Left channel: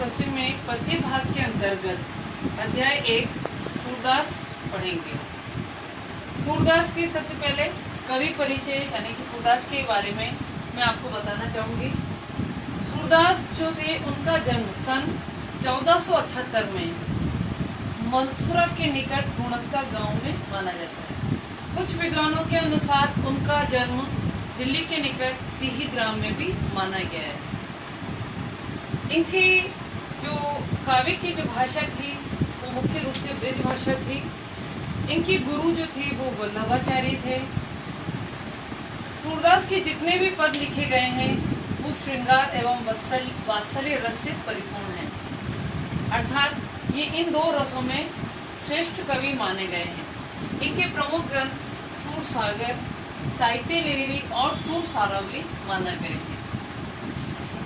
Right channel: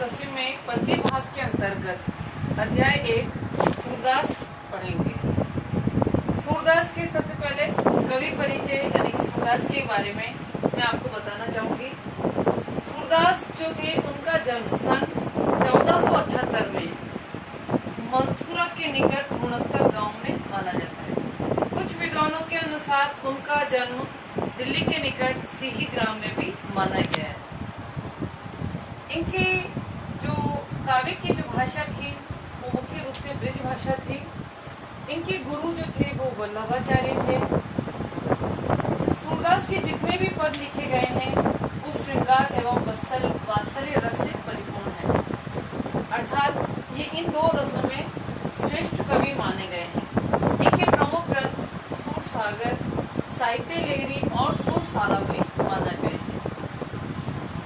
एकादशी में पद्य भाग के अंतर्गत अध्याय 1 सूरदास पढ़ेंगे। सूरदास के सबसे पहले कवि परिचय यानी कि सूरदास के बारे में मैं आपको बताना चाहूंगी। सूरदास जो थे उनका जन्म सन 1478 में मथुरा के निकट गुणक्ता गांव में माना जाता है। कुछ विद्वानों के अनुसार उनका जन्म दिल्ली के निकट सीही ग्राम में भी माना गया है। इनकी जो काव्य की जो भाषा थी वो मुख्य रूप से ब्रज भाषा थी। इनके गुरु जो थे वो वल्लभाचार्य थे। सूरदास के जितने भी पद लिखे गए हैं वो श्रृंगार एवं वात्सल्य रस से परिपूर्ण है, अर्थात ये इन दो रसों में श्रेष्ठ कवि माने गए हैं। इनके प्रमुख ग्रंथ सूर सागर, साहित्य लहरी और सूर सारावली माना गए हैं।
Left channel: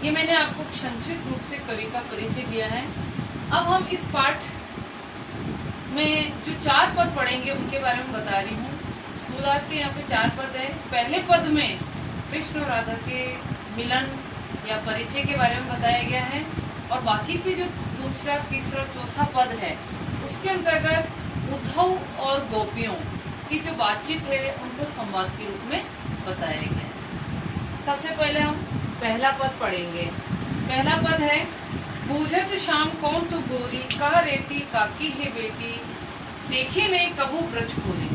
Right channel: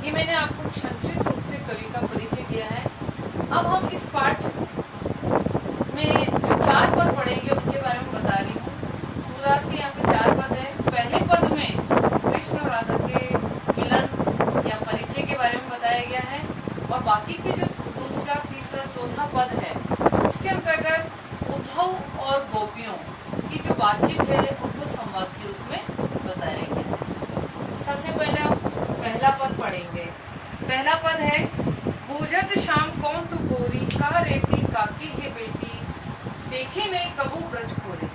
ये मैंने आपको संक्षिप्त रूप से कवि का परिचय दिया है। अब हम इस पाठ में जो 4 पद पढ़ेंगे उनके बारे में बता रही हूँ। सूरदास के यहाँ पे 4 पद है। पहले पद में कृष्ण और राधा के मिलन या परिचय के बारे में बताया गया है और बाकी के जो दूसरा, तीसरा, चौथा पद है उसके अंतर्गत उद्धव और गोपियों की जो बातचीत है उनको संवाद के रूप में बताया गया है। सबसे पहले हम पहला पद पढ़ेंगे। पहला पद है, बूझत शाम कौन तू गोरी, कहा रेती काकी है बेटी, देखी नहीं कबू ब्रज खोरी।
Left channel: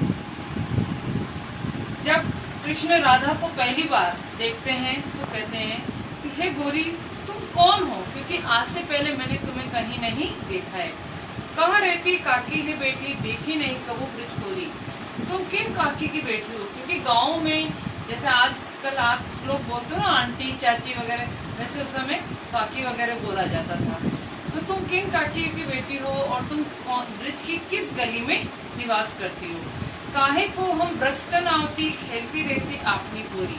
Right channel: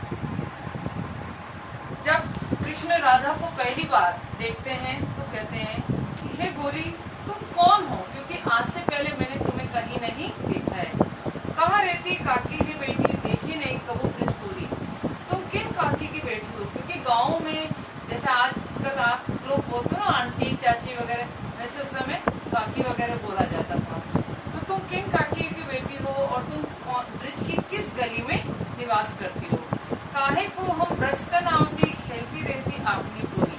जब कृष्ण राधा को पहली बार देखते हैं तो कहते हैं कि हे गोरी तुम कौन हो, क्योंकि आज से पहले मैंने तुम्हें कहीं नहीं देखा है। कहा रहती काकी है बेटी, देखी नहीं कबू ब्रज खोरी। तुम किन काकी की बेटी हो, क्योंकि गाँव में जैसे आजकल आप लोग बोलते हो ना आंटी चाची वगैरह, वैसे उस समय काकी वगैरह बोला जाता था। तो तुम किन काकी की बेटी हो और तुम ब्रज की किस गली में निवास करती हो। काहे को हम ब्रजतन आवती, खेलती रहती आपनी पूरी।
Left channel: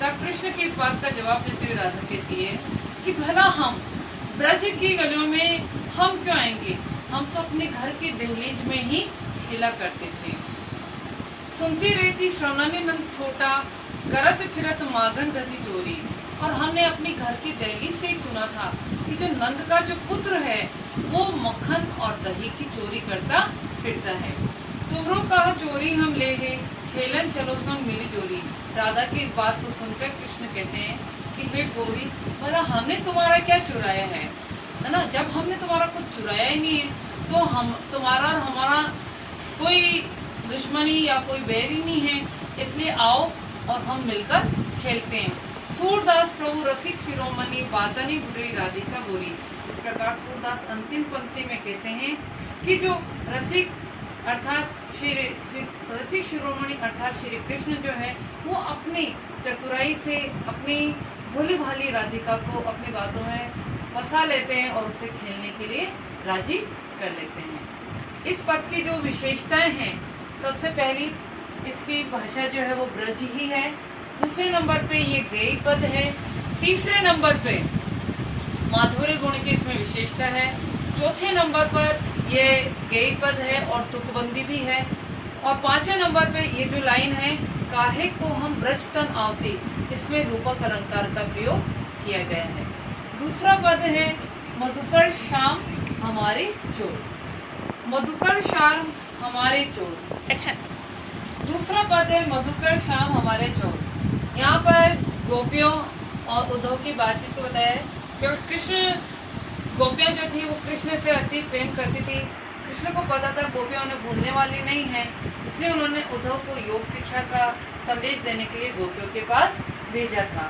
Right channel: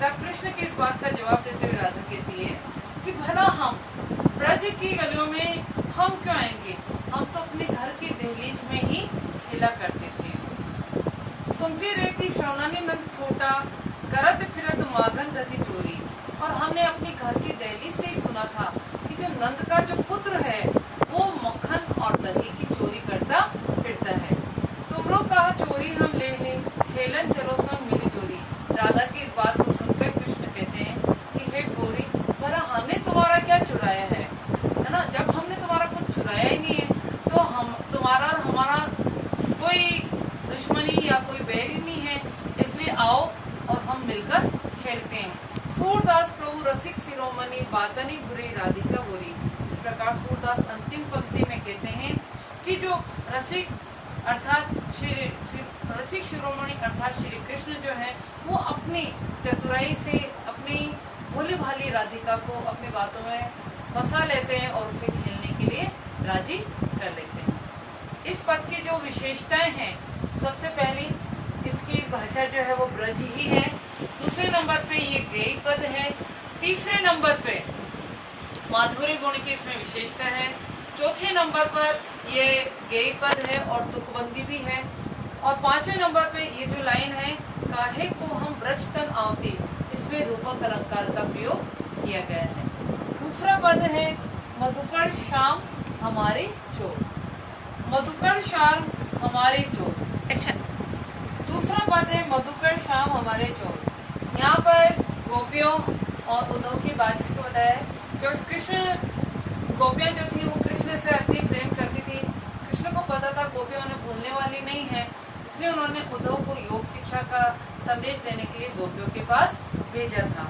तब कृष्ण की इस बात का जवाब देते हुए राधा कहती है कि भला हम ब्रज की गलियों में हम क्यों आएंगे, हम तो अपने घर की दहलीज में ही खेला करते थे। सुनती रहती श्रवणानी नंद छोटा, करत फिरत मागन रति चोरी। और हमने अपने घर की दहलीज से ही सुना था कि जो नंद का जो पुत्र है वो मक्खन और दही की चोरी करता फिरता है। तुमरो कहा चोरी हम ले है, खेलन चलो संग मिली चोरी। राधा की इस बात को सुनकर कृष्ण कहते हैं कि हे गोरी, भला हमने तुम्हारा क्या चुराया है ना। जब हमने तुम्हारा कुछ चुराया ही नहीं है तो हम तुम्हारा और हमारा कोई दुश्मनी या कोई बैर ही नहीं है, इसलिए आओ और हम मिलकर खेलते हैं। सूरदास प्रभु रसिक शिरोमणि, बातनी बुरी राधिका बुरी। इस प्रकार सूरदास अंतिम पंक्ति में कहते हैं कि जो रसिक अर्थात रसिक शिरोमणि अर्थात श्री कृष्ण जो है वो अपनी चतुराई से अपनी भोली भाली राधिका को अपनी बातों में फंसा लेते हैं और उसे खेलने के लिए राजी कर लेते हैं। इस पद की जो विशेषताएं हैं, सबसे पहली इसकी भाषा जो है वो ब्रज ही है। दूसरे नंबर पे ये गेय पद है। तीसरे नंबर पे माधुर्य गुण की इसमें विशेषता है। चौथे नंबर पर ये गेय पद है और तुकबंदी भी है। और 5वें नंबर पे ये जो लाइन है, काहे को हम ब्रजतन आवती, इसमें रूपक अलंकार का प्रयोग किया गया है। दूसरा पद है, मधुकर श्याम हमारे चोर। मधुकर श्याम हमारे चोर। दूसरा पद है, मधुकर श्याम हमारे चोर। यहाँ पर गोपियों और उद्धव की बातचीत को बताया है, क्योंकि कृष्ण गोपियां जो थी वो कृष्ण से अति प्रेम करती थी। कृष्ण को पता था गोपियां उन्हें भूलने वाली नहीं है, इसलिए उन्होंने उद्धव को योग शिक्षा का संदेश देने के लिए गोपियों के पास भेजा था।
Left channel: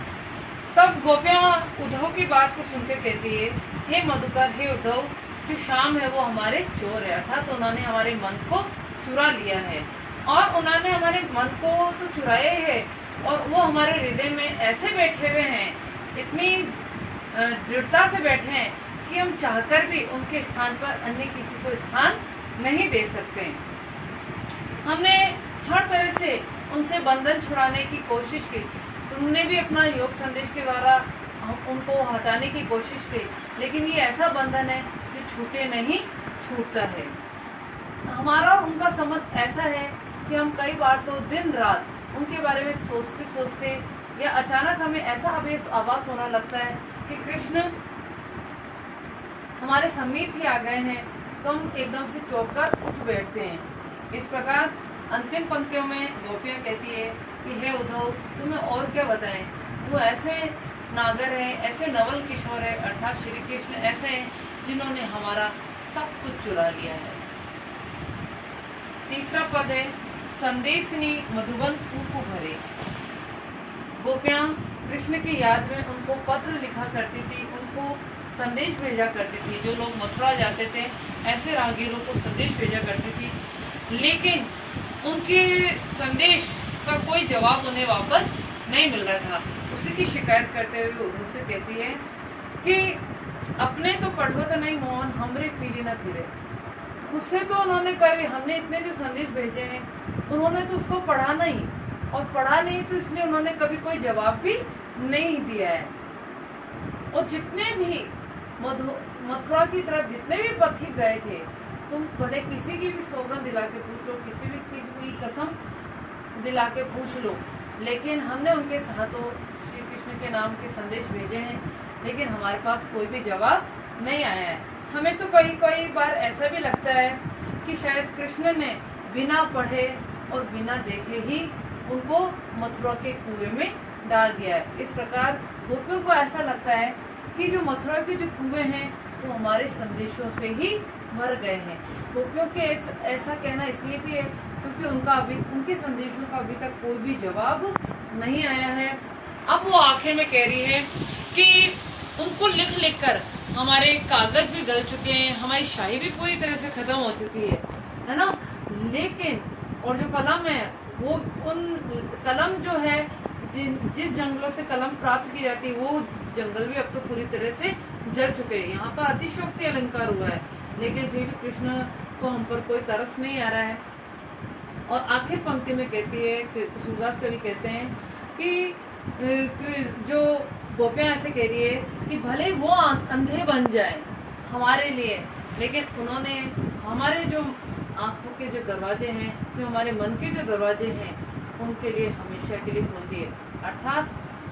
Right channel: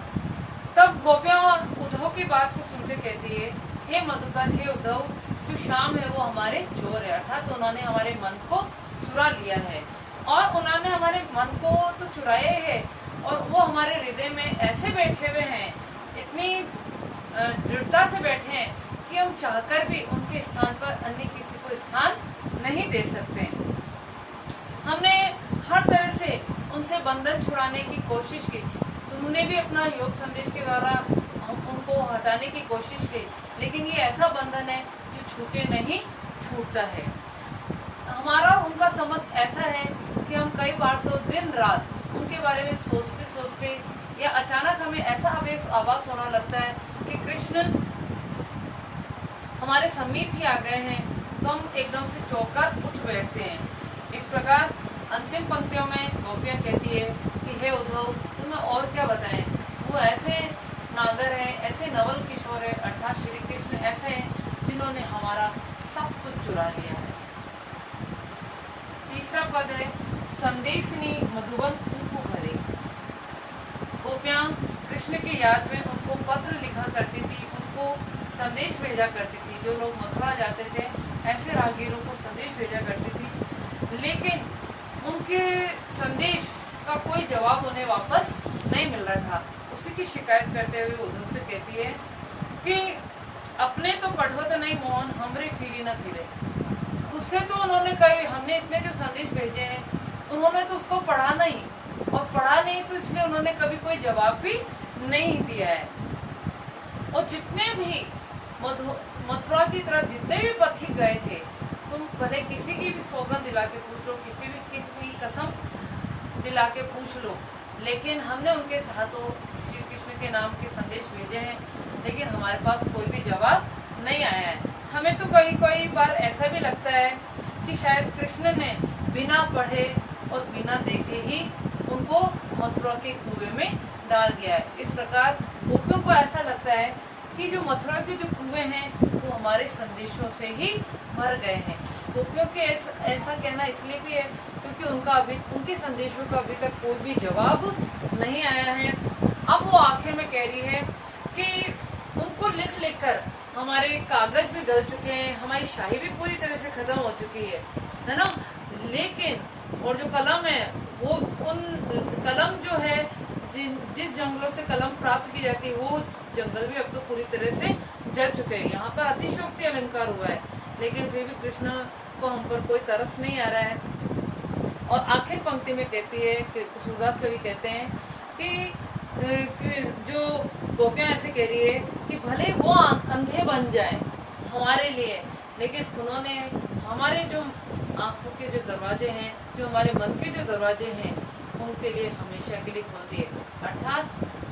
तब गोपियां उद्धव की बात को सुनकर कहती है, हे मधुकर, हे उद्धव, जो श्याम है वो हमारे चोर है, अर्थात तो उन्होंने हमारे मन को चुरा लिया है। और उन्होंने हमारे मन को तो चुराया है और वो हमारे हृदय में ऐसे बैठे हुए हैं, इतनी दृढ़ता से बैठे हैं कि हम चाहकर भी उनके स्थान पर अन्य किसी को स्थान नहीं दे सकते। हमने हर तरह से उनसे बंधन छुड़ाने की कोशिश की। तुमने भी अपना योग संदेश के द्वारा हम उनको हटाने की कोशिश की, लेकिन ये ऐसा बंधन है जो छूटे नहीं छूटता है। हमारा उनका संबंध ऐसा है कि हम कई बार तो दिन रात उनके बारे में सोचते सोचते या अचानक हमें ऐसा आभास होना लगता है कि कृष्ण हमारे समीप ही आ गए हैं तो हम एकदम से चौंक कर उठ बैठते हैं। इस प्रकार अंतिम पंक्तियों में गोपियाँ कहती है कि हे उद्धव, तुम्हें और क्या बताएं, वो ऐसे नागर है, ऐसे नवल किशोर है, अर्थात श्री कृष्ण ऐसे हैं जिन्होंने हमारा सब कुछ चुरा लिया है। तीसरा पद है संदेशनी मधुबन कूप भरे। गोपियाँ कृष्ण की याद में उनको पत्र लिखा करती थी, उनको संदेश भेजा करती थी। जो लोग मथुरा जाते थे ऐसे राहगीरों को संदेश भेजा करती थी, लेकिन उनके संदेश का कोई जवाब उन्हें वापस नहीं मिल रहा था। उसी की शिकायत करते हुए उद्धव से कहती है कि अपने तो पढ़वत नहीं मोहन, हमरे फिरी न फिरे। उससे तो उन्होंने कही, हमने इतने जो संदेश भेजे हैं उन्होंने तो उसको पढ़ा नहीं, और पढ़ा नहीं तो इसलिए उन्होंने कभी कोई जवाब भी नहीं दिया है। और जितने भी मथुरा की तरफ जितने भी पथिक गए थे, तुम भले किसी की भी सौगंध दिला के पूछ लो, किसी की कसम दिला के पूछ लो, लेकिन हमने उनके हाथों श्री कृष्ण के नाम के संदेश भेजे हैं, लेकिन हमारे पास कोई भी जवाब नहीं आया है। हमें तो कई बार ऐसा भी लगता है कि शायद कृष्ण ने बिना पढ़े और बिना देखे ही उनको मथुरा के कुएं में डाल दिया है। इस प्रकार गोपियों को ऐसा लगता है कि जो मथुरा के जो कुएं हैं वो हमारे संदेशों से ही भर गए हैं। गोपियों के ऐसा कहना इसलिए भी है क्योंकि उनके संदेशों का अभी तक कोई भी जवाब नहीं आया है। अब वो आखिर में कह रही है कि उनको लिख कर हमारे कागज भी गल चुके हैं, हमारी शाही भी पूरी तरह से खत्म हो चुकी है ना। लेकिन और जो कलम है वो उन कलम जो है जिस जंगलों से कलम प्राप्त की जाती है वो जंगल भी अब तो पूरी तरह से जल चुके हैं। यहाँ पर अतिशयोक्ति अलंकार हुआ है, लेकिन फिर भी कृष्ण को हम पर कोई तरस नहीं आ रहा है। और आखिर पंक्ति में कहती है, सूरदास कवि कहते हैं कि जो गोपियाँ ऐसे कह रही है कि भले वो अंधे बन जाए हमारे लिए, लेकिन उन्होंने हमारे जो आंखों के जो दरवाजे हैं, जो हमारे मन के जो दरवाजे हैं, उनके लिए हमेशा के लिए खोल दिए। अर्थात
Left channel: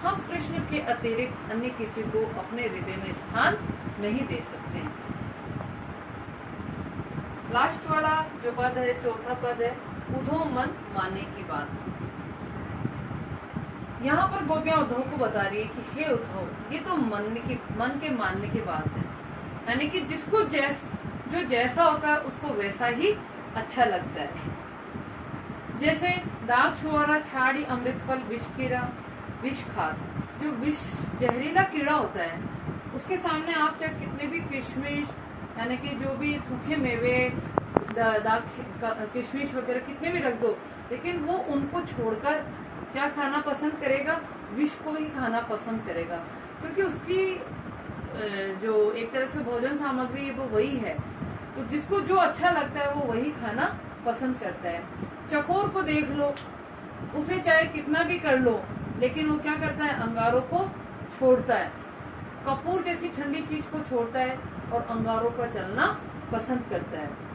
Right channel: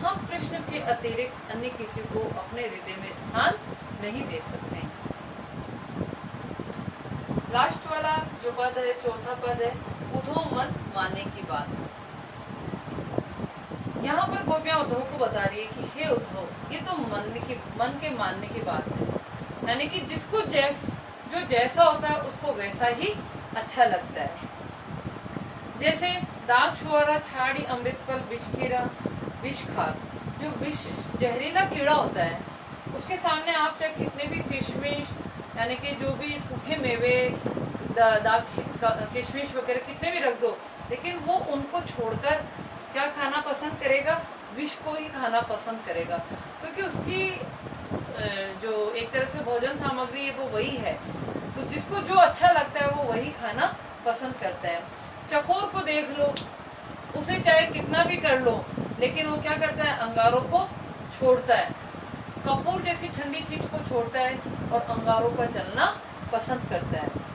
हम कृष्ण के अतिरिक्त अन्य किसी को अपने हृदय में स्थान नहीं दे सकते। लास्ट वाला जो पद है, चौथा पद है उद्धव मन मानने की बात। यहाँ पर गोपियां उद्धव को बता रही है कि हे उद्धव, ये तो मन के मानने की बात है, यानी कि जिसको जो जैसा होता है उसको वैसा ही अच्छा लगता है। जैसे दाग छुआरा छाड़ी अमृत फल विष खार, जो विष जहरीला कीड़ा होता है उसके सामने आप चाहे कितने भी किशमिश यानी कि जो भी सूखे मेवे किशमिश वगैरह कितने भी रख दो, लेकिन वो उनको छोड़कर क्या खाना पसंद करेगा, विष को ही खाना पसंद करेगा, क्योंकि उसकी जो एक तरह से भोजन सामग्री है वो वही है। तो जिसको जो अच्छा लगता है वो वही खाना पसंद करता है। चकोर को देख लो, उसे चाहे कितना भी कर लो, लेकिन वो क्या करता है, अंगारों को छोड़ता है। कपूर जैसी ठंडी चीज को छोड़ता है और अंगारों पर चलना पसंद करता है।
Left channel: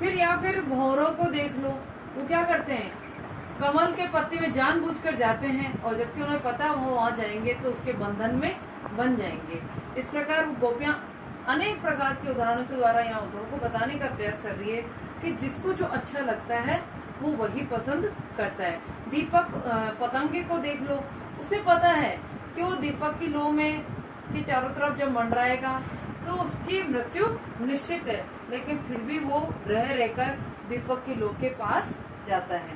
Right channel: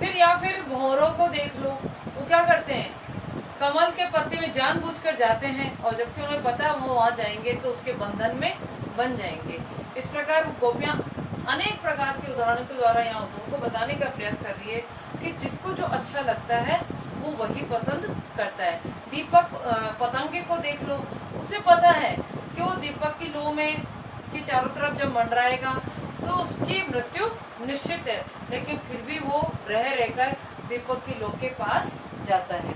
फिर भौरों को देख लो, वो क्या करते हैं, कमल के पत्ते में जानबूझकर जाते हैं, और जबकि उन्हें पता है वो वहां जाएंगे तो उसके बंधन में बन जाएंगे। इस प्रकार गोपियां अनेक प्रकार के उदाहरणों के द्वारा यहाँ उद्धव को बताने का प्रयास कर रही है कि जिसको जो अच्छा लगता है वो वही पसंद करता है। दीपक पतंगे को देख लो, उसे पता है कि वो दीपक की लौ में के चारों तरफ जब मंडराएगा तो उसकी मृत्यु निश्चित है, लेकिन फिर भी वो रहकर दीपक की लौ के पास जाता है।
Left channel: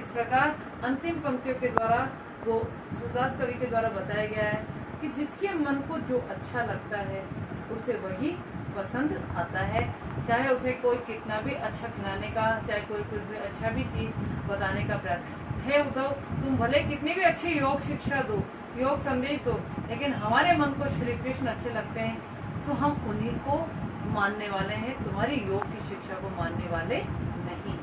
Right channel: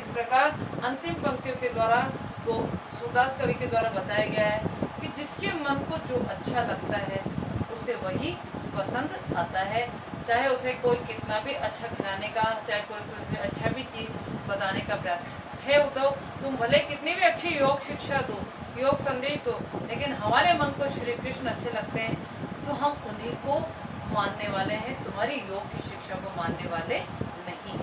इस प्रकार अंतिम पंक्तियों के द्वारा सूरदास कवि के द्वारा बताया गया है कि जिसके मन को जो अच्छा लगता है उसे वही पसंद आता है, चाहे उसे कोई कितना भी अच्छा खिलाने का, चाहे कोई अच्छा भी चीज बताने का प्रयास। हे उद्धव, तुम भले कितनी भी अच्छी योग शिक्षा दो, योग संदेश दो, लेकिन हमारे मन को श्री कृष्ण अच्छे लगते हैं तो हम उन्हीं को मानने वाले हैं, तुम्हारी योग की शिक्षा को मानने वाले नहीं।